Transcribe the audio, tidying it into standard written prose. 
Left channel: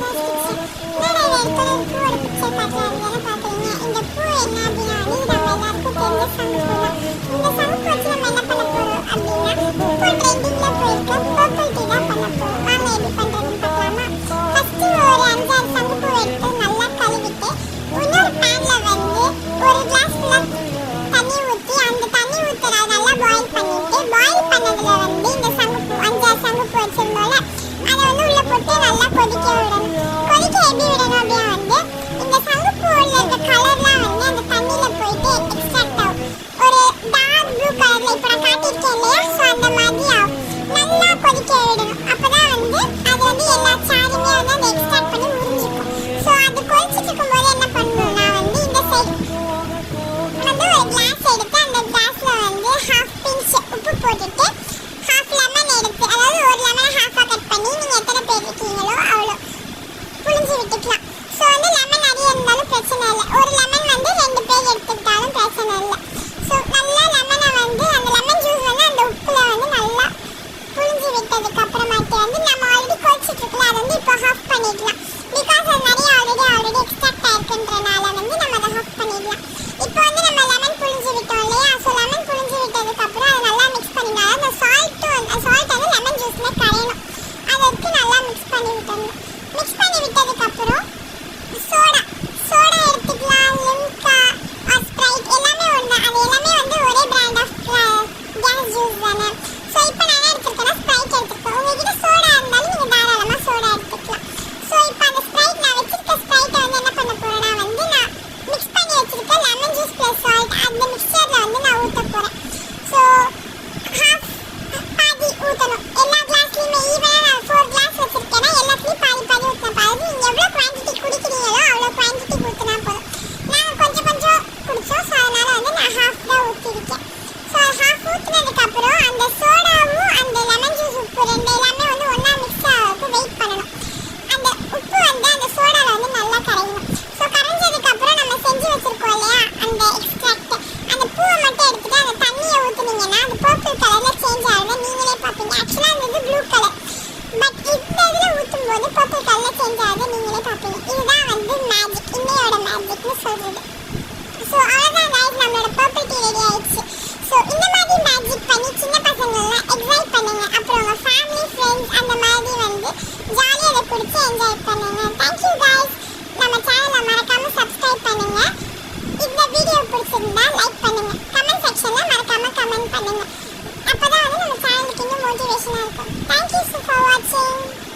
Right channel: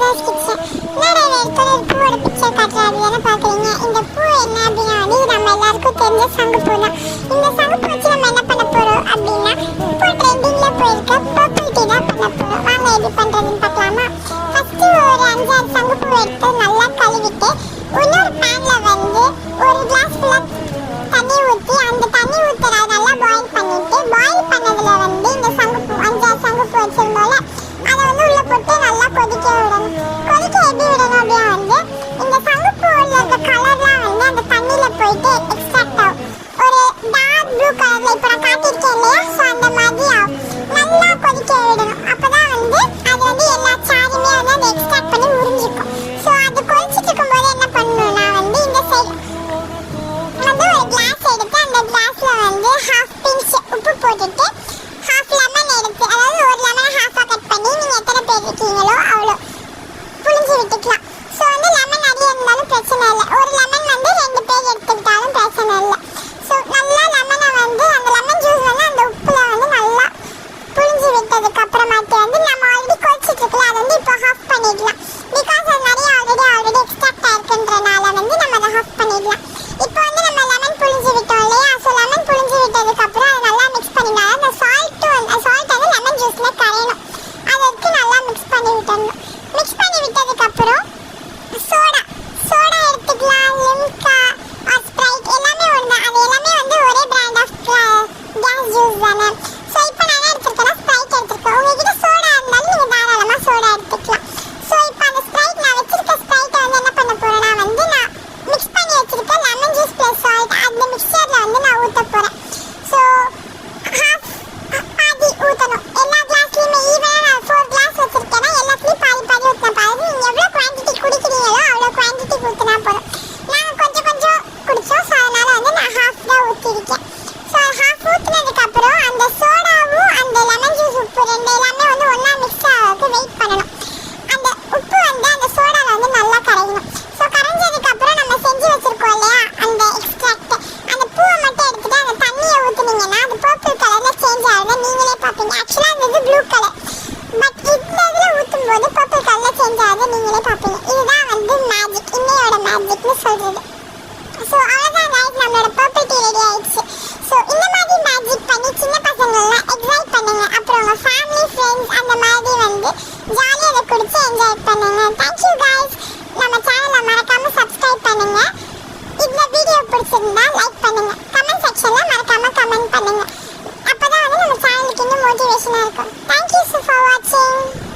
Sudha's kitchen. நான் இப்போ ஒரு பூவோட பிக்சர் காட்டுறேன். அது என்ன பார்க்குறீங்க? இந்த பூ என்ன அப்படின்னா வந்து நம்ம எல்லாருக்கும் தெரிஞ்ச சங்குப்பூ தான். இந்த சங்குப்பூ வச்சு நம்ம என்ன பண்ண போகிறோம் அப்படின்னா இப்போ ட்ரெண்டிங்கில் போயிருக்க பர்பிள் டீ தான் பண்ண போகிறோம். வாங்க எப்படி பண்ணுறதுன்னு பார்க்கலாமா? ஃபஸ்ட்டு ஒரு 5-6 சங்குப்பூ எடுத்து நல்லா கழுவிட்டு இன்னொரு பேனில் வந்து ஒரு கிளாஸ் ஃபுல்லாக தண்ணி ஊற்றி அந்த தண்ணி ஊற்றுற நல்லா பாயில் பண்ணிட்டு பாயில் பண்ணதுல வந்து இந்த சங்குப்பூ 5-6 சங்குப்பூ வச்சிருந்தோம்ல அதை வந்து உள்ள போட்டு நல்லா கொதிக்க விடணும். கொதிக்க எப்படி விடணும் அப்படின்னா வந்து இந்த சங்குப்பூவில் இருக்க கலர்லாம் வந்து அந்த தண்ணியில் போயிட்டு எக்ஸ்ட்ராக்ட் ஆகும். ஒரு டார்க் ப்ளூ கலரில் இப்போ நான் காட்டியிருக்கேன் இல்லையா, ஸோ அந்த மாதிரி ஆகும். நல்லா கொதிக்க விடணும். அப்போ தான் வந்து அது வந்து எல்லா சாருமே வந்து அதை எக்ஸ்ட்ராக்ட் பண்ணி உறிஞ்சிக்கும். ஸோ அது கொதிச்சுட்டு இருக்கும்போது என்ன பண்ணணும்னா வந்து இந்த சைடு வந்து ஒரு கிளாஸ் எடுத்து அந்த கிளாஸ்ல வந்து ஹாஃப் பிஞ்ச் உப்பு போட்டுட்டு ஹாஃப் லெமன் எடுத்து, அதாவது ஒரு லெமனை ஹாஃபாக கட் பண்ணி நீங்கள் எத்தனை பேர் இருக்கீங்களோ அவ்வளோ புளிஞ்சு விட்டுக்கலாம். ஸோ வந்து லெமன் நிறைய இருந்தாலும் பிரச்சனை இல்லை. ஒரு லெமன் வந்து 2 பேர் எடுத்துக்கிட்டாலும் பிரச்சனை இல்லை. ஸோ நல்லா லெமனை வந்து அந்த லெமன் ஜூஸ் வந்து அந்த உப்பில் வந்து நல்லா புளிஞ்சு விட்டதுக்கு அப்புறமாட்டி வந்து நம்ம ஆல்ரெடி கொதிச்சுட்டு இருக்கலாம் அதை வந்து இப்போ ஹாஃப் பண்ணிடலாம். பிகாஸ் அது நிறைய ஆல்ரெடி எக்ஸ்ட்ராக்ட் ஆயிருக்குன்றனால வந்து நம்ம அதை ஹாஃப் பண்ணிடலாம். இப்போ வந்து நம்ம லெமன் புளிஞ்சு விட்டோம் இல்லையா, ஸோ லெமன் புளிஞ்சு விட்டதுக்கு அப்புறம் அதை நல்லா மிக்ஸ் பண்ணிடலாம். அந்த சால்ட் வந்து லெமன் ஜூஸில் கரையணும். அதை எடுத்து நல்லா மிக்ஸ் பண்ணி விட்டுடணும். மிக்ஸ் பண்ணி விட்டதுக்கு அப்புறம் சோடா எடுத்துக்கலாம். லிம்கா ஆர் ஸ்ப்ரைட் எல்லாமே ஒன்று. அது எல்லாமே வந்து ஒரே பிராண்ட் ஆஃப் கேஸ் ஜூஸ் தானே. ஸோ இப்போ நான் எடுத்துருக்கேன்னா ஸ்ப்ரைட் எடுத்துருக்கேன். உங்ககிட்ட சோடா இருந்தாலும் நீங்கள் தாராளமாக சோடா எடுத்துக்கலாம். ஸோ இப்போ அந்த ஸ்ப்ரைட் நான் வச்சிருக்க ஸ்ப்ரைட்டை வந்து என்ன பண்ண போகிறேன்னா வந்து நான் மிக்ஸ் பண்ணி வச்சிருக்கேன் லெமன் ஜூஸ் ப்ளஸ் சால்ட் அந்த மிக்சரில் வந்து நான் ஊற்ற போகிறேன். ஸோ பாதி ஊற்றணும். எல்லா கிளாஸ்லையுமே ஈவனாக நான் 4 கிளாஸ் வச்சிருக்கேன்னா எல்லாத்துலேயும் பாதி ஊற்றினா பாதி. நீங்கள் எவ்வளோ குவான்டிட்டி குடிக்கிறீங்களோ அவ்வளோ குவான்டிட்டி ஊற்றினா போதும். நாங்கள் கொஞ்சம் குடித்தோம், ஸோ அதனால் வந்து நான் ஹாஃப் தான் ஊற்றிருக்கேன். ஸோ ஹாஃப் ஊற்றினதுக்கப்புறம் அந்த சோடாவும் அந்த லெமன் ஜூஸ் உப்பு எல்லாமே வந்து ஒன்றா மிக்ஸ் ஆகிறதுக்கு வெயிட் பண்ணணும். அந்த உப்பு வந்து அந்த சோடாவில் வந்து நல்லா கரையணும். ஸோ கரைஞ்சதுக்கப்புறம் நம்ம செஞ்சு வச்சுருக்கோம் இல்லையா அந்த எக்ஸ்ட்ராக்ட், அந்த பூவை மட்டும் எடுத்துகிட்டு அந்த தண்ணியை ஊற்றுனீங்கன்னா அது பர்பிள் கலரில் சேஞ்ச் ஆகுது. நீங்களே பார்ப்பீங்க. ஆக்சுவலாக அந்த இது ப்ளூ கலர், பட் இந்த இதில் ஊற்றும் போது பர்பிள் கலரில் சேஞ்ச் ஆகுது. நீங்களே பார்ப்பீங்க. இதுதான் வந்து மேஜிக், இன்னையோட மேஜிக்னு சொல்கிறது. ஸோ அவ்வளோதான் கைஸ், நம்மளோட பர்பிள் டீ ரெடி ஆயிடுச்சு. ஸோ இந்த மாதிரி மேஜிக் பண்ணி சின்ன பசங்களெலாம் எக்ஸைட் பண்ணுங்க. அப்புறம் உங்கள் ஃபேமிலி ஃப்ரெண்ட்ஸ் அந்த மாதிரி வந்து ஜாலியாக அதை குடிச்சு என்ஜாய் பண்ணுங்க. Thank you guys. நம்ம சேனலை மறக்காமல் சப்ஸ்கிரைப் பண்ணுங்க. இந்த வீடியோ பிடிச்சிருந்தா லைக் பண்ணுங்க. கமெண்ட் செக்ஷனில் மறக்காமல் கமெண்ட் பண்ணுங்க. அப்போ தான் வந்து நம்ம சேனலுக்கு இன்னும் மோட்டிவேஷனாக இருக்கும். தேங்க்யூ ஃபார் வாட்சிங்.